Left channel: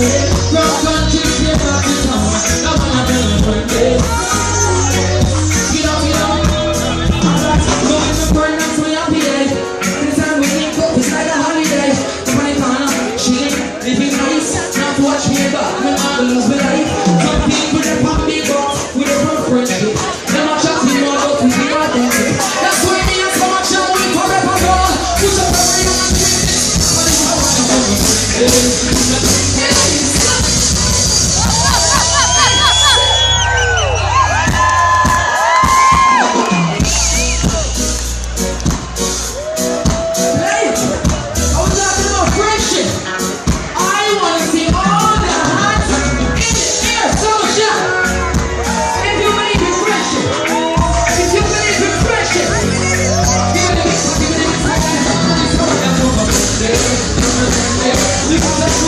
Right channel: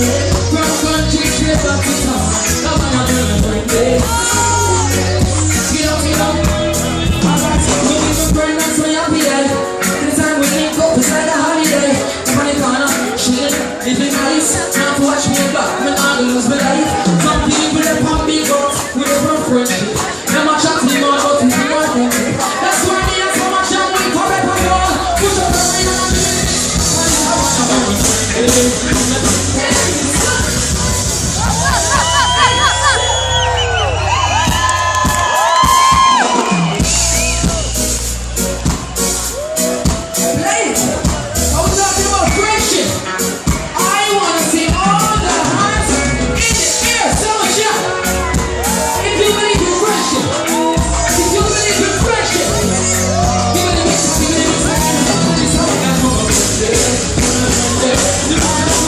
Cross country straight back to town. Now when I'm in the front gate. Get on. I got some going to burn, that's my happy day. Anytime we link up, it's like a holiday. Funny corner, chillin', living nice. Not to watch me back, when I lose, but